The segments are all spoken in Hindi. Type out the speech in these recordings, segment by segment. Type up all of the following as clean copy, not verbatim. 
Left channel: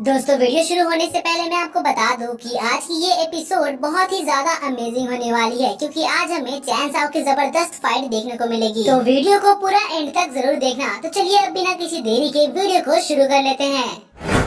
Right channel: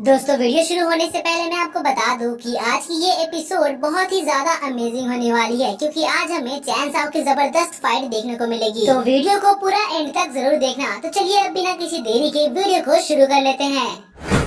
दोस्तों, वीडियो शुरू होने से पहले मैं आपको बता दूं कि आज की ये एपिसोड बहुत ही ज्यादा अमेजिंग होने वाली है, क्योंकि आज हमें चैन साओ की जबरदस्त फाइट देखने को मिलेगी। तो वीडियो को पूरा एंड तक जरूर देखना। तो चलिए अब बिना किसी देरी के वीडियो को शुरू कर लेते हैं।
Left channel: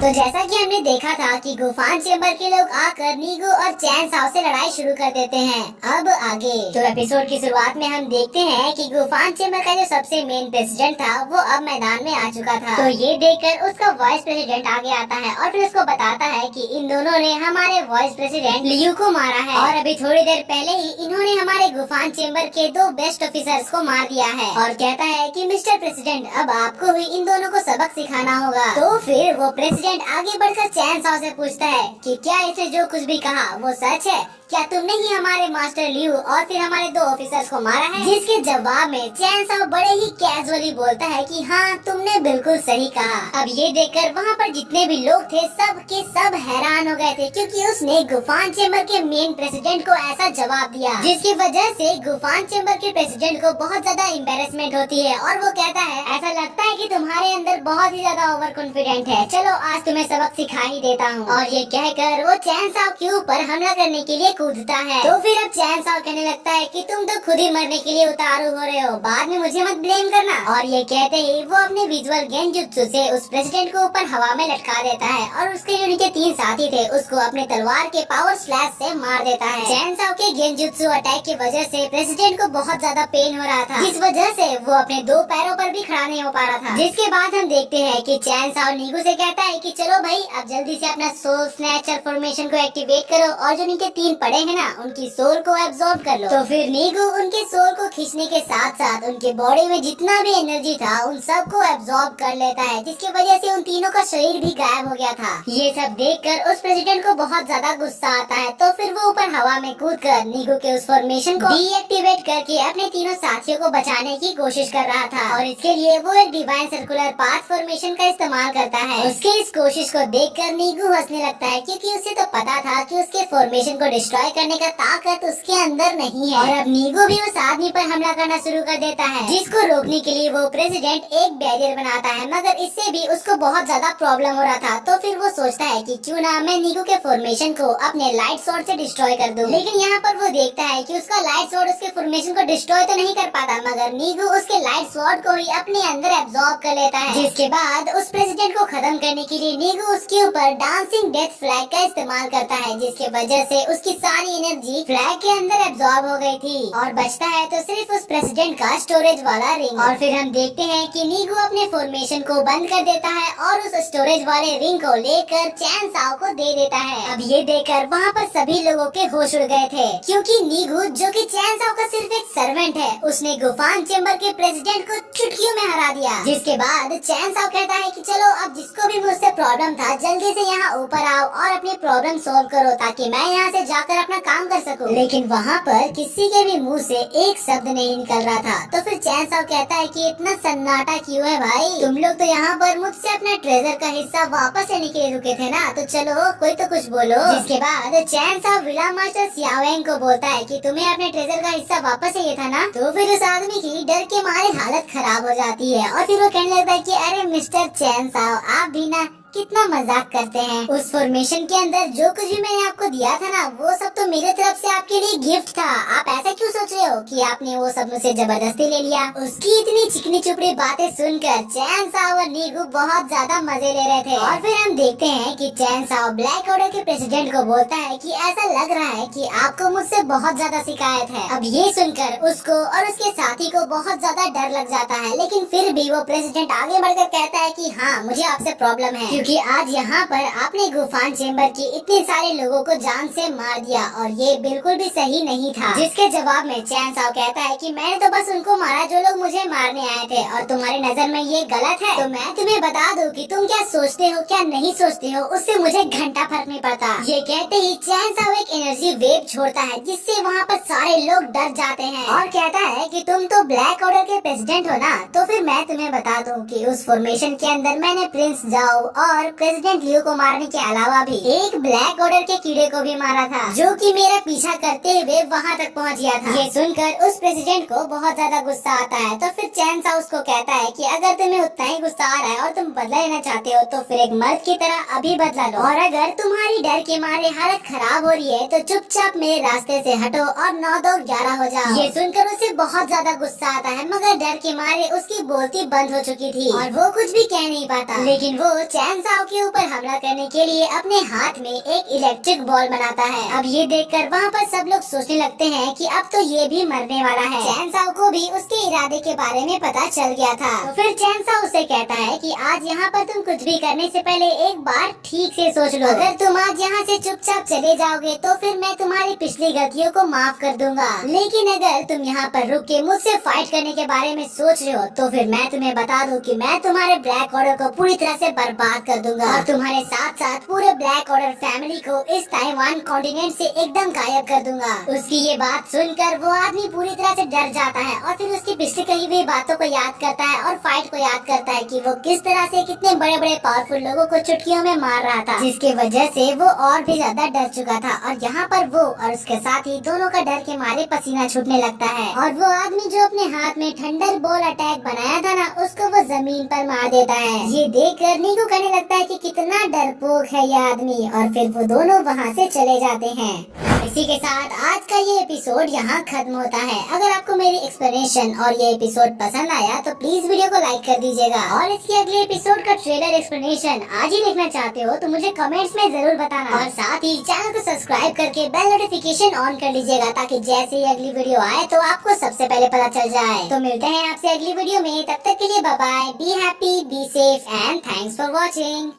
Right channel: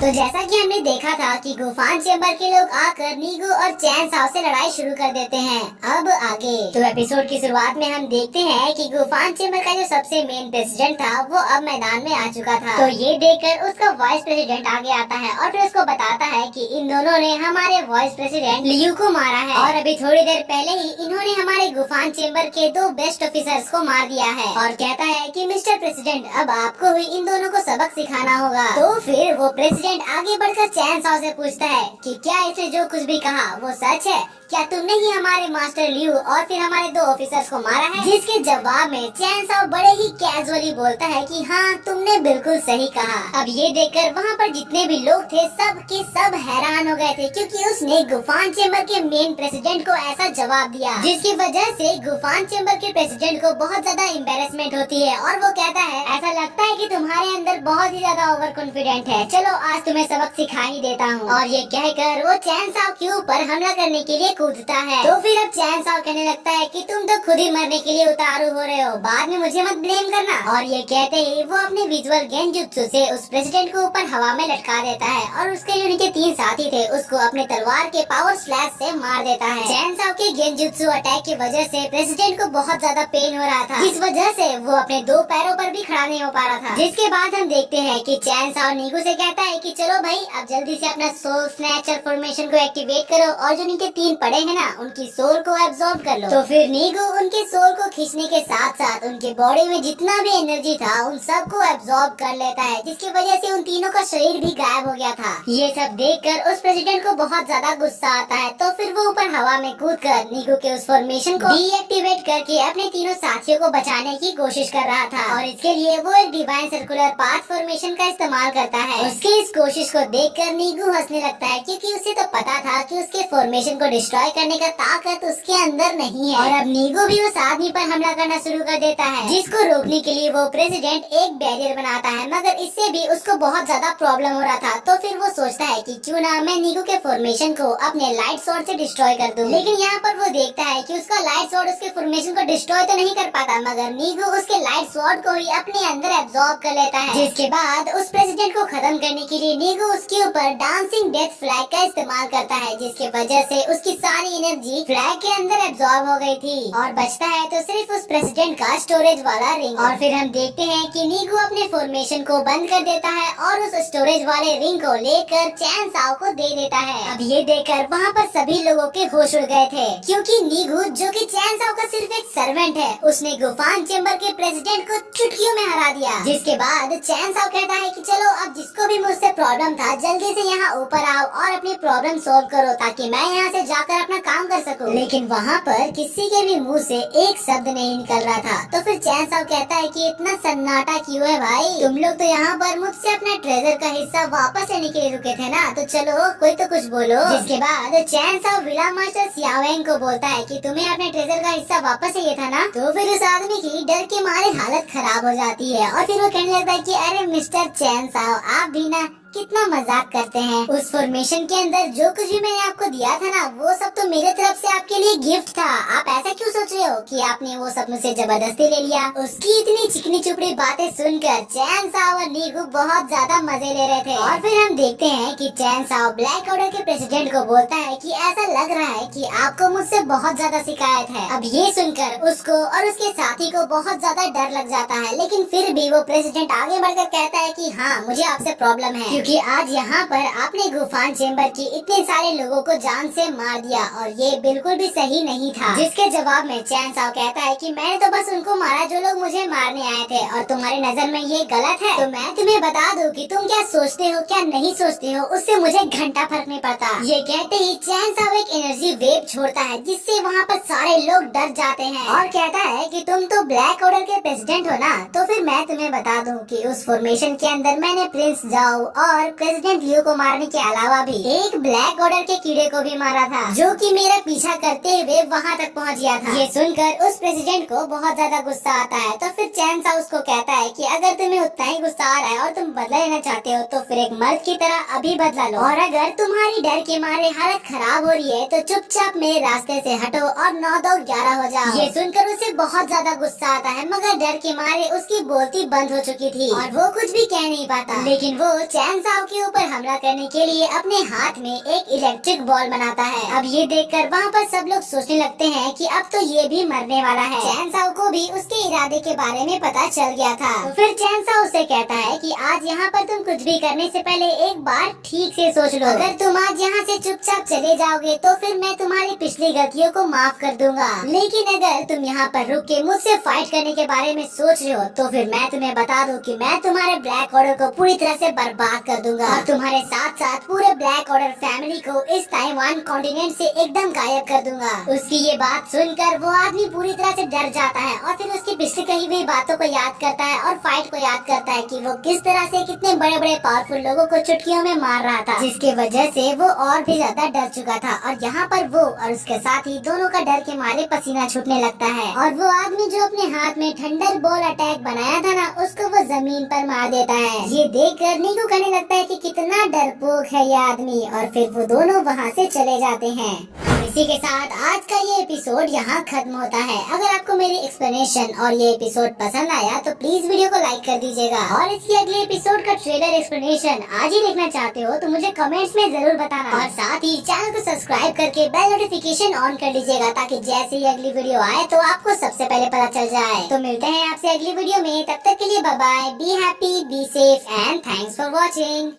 तो जैसा कि हमने देखा था कि गुफान चेंबर के लोग आकर नीगू और चैन साओ से लड़ाई शुरू कर देते हैं। अब आगे तो एपिसोड की शुरुआत में हम देखते हैं कि गुफान चेंबर का जो सबसे मेन प्रेसिडेंट था वो अब मैदान में आ चुका था। तो ये देखकर उसका वाइस प्रेसिडेंट आगे आता है और फिर उसको बताता है कि इन दोनों ने हमारे वाइस प्रेसिडेंट लियू को मारा है और अभी थोड़ी देर पहले ही इन्होंने हमारे गुफान चेंबर के 2 बेस्ट ऑफिसर्स को मार दिया है। और कहता है कि मिस्टर प्रेसिडेंट, अब आपको ही इन दोनों को सबक सिखाना होगा। तो फिर वो प्रेसिडेंट आगे बढ़कर चैन साओ से पूछता है कि क्या इसने जो कुछ भी कहा वो सच है? क्या तुमने ही हमारे मास्टर लियू और फिर हमारे 2 ऑफिसर्स को मारा है? जिसके जवाब में चैन साओ बड़े ही कैजुअली बोलता है कि हाँ, तुमने बिल्कुल सही कहा। अब ये देखकर वहाँ पर जितने भी लोग थे सब के सब हैरान हो गए थे, क्योंकि उसने गुफान चेंबर के मेन प्रेसिडेंट को ऐसा जवाब दिया जिसकी वजह से गुफान चेंबर के प्रेसिडेंट को बहुत ज्यादा एम्बेरसमेंट होती है। और वो कहता है, ऐसा लगता है कि तुम्हारे अंदर बहुत ही ज्यादा ओवर कॉन्फिडेंट है, चलो आज तुम्हें सबक सिखा ही देता हूँ। और ये कहकर वो चैन साओ के ऊपर हमला करने के लिए कूदता है। तो फिर अब चैन साओ कहने लगता है कि तुम तो खुद ही मरने के लिए उतारू हो रहे हो, बाद में मुझे मत ब्लेम करना। और ये कहते ही वो अपने विजुअल गेंजुत्सु से उस प्रेसिडेंट को ऊपर हवा में लटका देता है और उसके जो उनके 3 साथी थे उसको अपने तलवार के पावर स्लैश से मार देता है। चैन साओ के गेंजुत्सु अटैक की वजह से प्रेसिडेंट को बहुत ज्यादा पेन हो रहा था, जिस वजह से वो अपने 2 पैरों पर भी खड़ा नहीं हो पा रहा था। जिसके बाद हम देखते हैं कि चैन साओ नीगू से कहता है कि चलो भाई, अब जल्दी से अपना सोल स्नैचर फॉर्मेशन को एक्टिवेट करो और जो नीचे 3 पड़े हैं ना, उनकी सोल को एब्जॉर्ब कर लो। तो फिर नीगू उनके सोल को खींचने के साथ साथ उनके बॉडी में जितना भी एनर्जी था उन सब को एब्जॉर्ब कर लेता है, जिसकी वजह से उन तीनों का शरीर भी गायब हो गया था। ये सब देखकर उस प्रेसिडेंट को बहुत ज्यादा गुस्सा आता है। तो फिर वो ऊपर हवा में कूदकर नीगू के उस फॉर्मेशन को डीएक्टिवेट करके अपने तीनों साथियों को बचाने की कोशिश कर रहा था। और इसके लिए वो एक डिवाइन सर्कुलर पाथ फॉर्मेशन का इस्तेमाल करता है। उसके इस कोशिश को देखकर नीगू हंसने लगता है, क्योंकि उसे तो पता था कि उसके फॉर्मेशन को डिस्ट्रॉय करने का ताकत उसके अंदर नहीं है। और अब नीगू भी उस आदमी पर हमला करना शुरू कर देता है, जिसको रोकने के लिए वो प्रेसिडेंट एक बैरियर बनाता है, मगर इससे भी उसको बहुत ज्यादा प्रॉब्लम हो रहा था। तो फिर वो सोचता है कि क्यों ना मैं नीगू के फॉर्मेशन को अपने लाइट स्वॉर्ड से डिस्ट्रॉय कर दूं। लेकिन यहाँ पर वो देखता है कि उसका लाइट स्वॉर्ड उसके फॉर्मेशन को डिस्ट्रॉय तो नहीं कर पाता, मगर नीगू उसके लाइट स्वॉर्ड को ही अपने अंदर एब्जॉर्ब कर लेता है। जिसके बाद उस प्रेसिडेंट को खत्म करने के लिए नीगू उसके ऊपर डांसिंग डेथ फ्लैग का इस्तेमाल करता है, जिसकी वजह से उसकी सारी एनर्जी फ्लैग के अंदर एब्जॉर्ब हो गई थी और बचता है तो सिर्फ उस प्रेसिडेंट का स्टोरेज वाला रिंग। और फिर हम देखते हैं कि नीगू अपने फॉर्मेशन को बंद कर देता है और उस स्टोरेज वाले रिंग को लेकर चैन साओ को दे देता है। अब ये देखकर वहाँ पर सभी लोगों के होश उड़ गए थे, क्योंकि नीगू, जो कि चैन साओ का सिर्फ एक सर्वेंट है, उसने गुफान चेंबर के प्रेसिडेंट को चुटकियों में हरा दिया। जिसके बाद चैन साओ कहता है कि चलो अब जिसको भी मुझसे प्रॉब्लम था जल्दी से यहाँ ऊपर आओ और अपनी प्रॉब्लम सॉल्व करो, ताकि मैं यहाँ से जाकर अपना काम कर सकूं। लेकिन वहाँ पर किसी के भी मुंह से एक शब्द नहीं निकल रहा था। तो फिर चैन साओ कहता है कि इतना सन्नाटा क्यों है भाई? तुम लोग तो यहाँ पर मुझसे अपना ट्रेजर का हिस्सा वापस लेने के लिए रुके थे ना, तो चलो कोई तो कुछ बोलो। जिसके बाद चैन साओ विला मास्टर सियावेंग को बोलता है कि तुम्हें अपने ट्रेजर का हिस्सा वापस चाहिए था ना। तो फिर उस आदमी की डर के मारे हालत खराब हो जाती है और फिर वो कहने लगता है कि अरे मिस्टर चैन साओ, आप भी ना कितना मजाक करते हैं। उस फॉर्मेशन के अंदर जो कुछ भी मैंने आपको दिया था ना, वो सब तो मेरे तरफ से आपके लिए गिफ्ट था। आप ऐसा क्यों सोच रहे हो कि आपने वो सब मुझसे जबरदस्ती ले लिया? उसकी इतनी चिकनी चुपड़ी बातें सुनकर चैन साओ और नीगू बहुत ज्यादा मजे ले रहे थे। और फिर हम देखते हैं कि चैन साओ ब्लैक ऑर्डर के प्रेसिडेंट को बोलता है कि ऐसा लग रहा है कि आपको मुझसे बहुत ज्यादा शिकायत है। अब ये सुनकर उसको और उसके साथी को बहुत ज्यादा डर लग जाता है, लेकिन फिर भी वो प्रेसिडेंट आगे बढ़कर कहता है कि हाँ, मुझे आपसे प्रॉब्लम है, क्योंकि आज यहाँ पर आपने गुफान चेंबर की इतने सारे लोगों को जान से मार दिया और ये बिल्कुल भी सही नहीं था। जिसके जवाब में चैन साओ कहता है कि मैंने तो बस उनको मारा जो लोग मुझे मारने आए थे, और तुम्हारी नजर में ये गलत है। तो मैं तुम्हें बता दूं कि तुम क्या सोचते हो क्या नहीं सोचते हो, उससे मुझे घंटा फर्क नहीं पड़ता। ये कहते ही चैन साओ एक एनर्जी वेव छोड़ता है, जिससे वहाँ पर सारे लोग डर जाते हैं और कहता है कि तुम तो ब्लैक ऑर्डर के प्रेसिडेंट हो ना, तो फिर मैं तुम्हें बता दूं कि उस फॉर्मेशन के अंदर मैंने प्रिंस जाओ और प्रेसिडेंट लियो को मारने के अलावा भी एक ब्लैक ऑर्डर के कीड़े को भी मारा था, जो कि मेरा पीछा करते हुए वहाँ तक पहुँच गया था। ये सुनकर उस प्रेसिडेंट को बहुत ज्यादा गुस्सा आता है, तो फिर चैन साओ उसको कहता है कि अगर तुम्हें उतना ही गुस्सा आ रहा है और तुम बदला लेना चाहते हो तो फिर एक मर्द की तरह अभी बदला लो, और अगर तुम्हारी डर के मारे हालत खराब हो रही है तो चुपचाप मेरे रास्ते से हटो और 9-2-11 हो जाओ। ये सुनकर उसे बहुत ज्यादा गुस्सा आता है, मगर डर के मारे उसकी बोलती बंद हो चुकी थी और वो कुछ भी कह नहीं पाता। लेकिन वो चैन साओ के ऊपर हमला करने के लिए अपने हाथ में एक इलेक्ट्रिक बॉल बनाता है। अब ये देखकर वहाँ पर सब लोग सोचने लगते हैं कि अब तो ये भी मरने वाला है। चैन साओ को भी उसके इरादे के बारे में पता चल गया था, तो फिर चैन साओ उसे कहता है कि आज यहाँ पर तुम कुछ भी करने से पहले एक बार ठीक से सोच लो। अगर तुम आज यहाँ से चुपचाप चले जाओगे तो फिर मैं तुम्हारी पिछली गलतियों को माफ कर दूंगा, लेकिन अगर तुम यहाँ पर रुक के मुझसे फाइट करने के बारे में सोच रहे हो तो फिर मैं तुम्हें बता दूं कि मैं तुम्हारे ब्लैक ऑर्डर को पूरी तरह से बर्बाद कर दूंगा और तुम्हारे साथ साथ पूरे ब्लैक ऑर्डर फैमिली को इस ताइवान कॉन्टिनेंट से एकदम गायब कर दूंगा। उसकी ये बात सुनकर वो आदमी पूरी तरह से डर जाता है और फिर उसकी पिछली कही हुई बातों को याद करता है और फाइट को याद करता है कि वो किस तरह से कितने बड़े बड़े पावरफुल लोगों को चुटकियों में मार रहा था, जिसकी वजह से वो और भी ज्यादा डर चुका था। और यहाँ पर वो और उसके साथ ही दोनों का डर के मारे पसीना छूटने लगता है और वो आदमी जो अपने हाथ में थंडर बॉल अटैक बनाया था ना, उसको वो जमीन पर मार देता है। ये देखकर नीकू कहने लगता है कि कितना डरपोक है ये आदमी, और फिर वो दोनों वहाँ से चले जाते हैं। इसी के साथ आज का ये एपिसोड यहाँ खत्म होता है। अगर आपको मेरी एक्सप्लेनेशन और ये एपिसोड पसंद आया तो प्लीज वीडियो को लाइक कर दीजिएगा, और इसके अगले एपिसोड का ट्रेलर एक्सप्लेनेशन आज ही देखना चाहते हो तो मुझे कमेंट्स में जरूर बताना, और साथ ही चैनल को सब्सक्राइब करके बेल नोटिफिकेशन ऑन कर लीजिएगा ताकि जैसे ही अगली वीडियो आए तो आपको सबसे पहले पता चल जाए। तो मिलते हैं आपसे अगली वीडियो में, तब तक के लिए bye bye, be happy, be safe and thanks for watching.